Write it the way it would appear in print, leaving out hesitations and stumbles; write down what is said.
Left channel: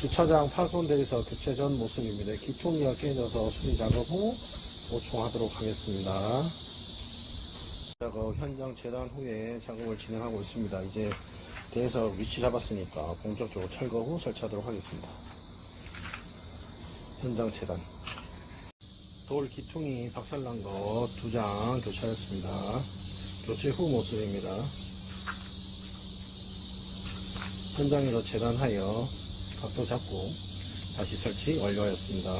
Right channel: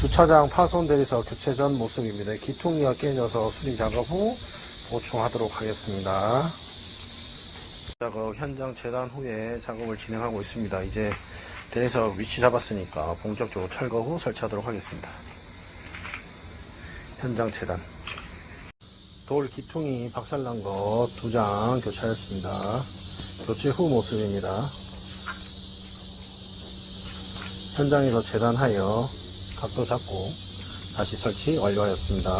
주차장 파손 대리석 교체 전 모습입니다. 기통이가 깨져서 수리 작업 후 보충하도록 하겠습니다. 작업 현장 재단 후에 작업을 진행하고 있습니다. 이제 대리석 위치 잡았으니까 본격적으로 철거 후 설치하도록 하겠습니다. 현장 재단. 돌 기통이 박살난 거 2장 교체하였습니다. 교체 후 모습입니다. 현장에서 재단하여 각도 잡고 다시 설치 완료하였습니다.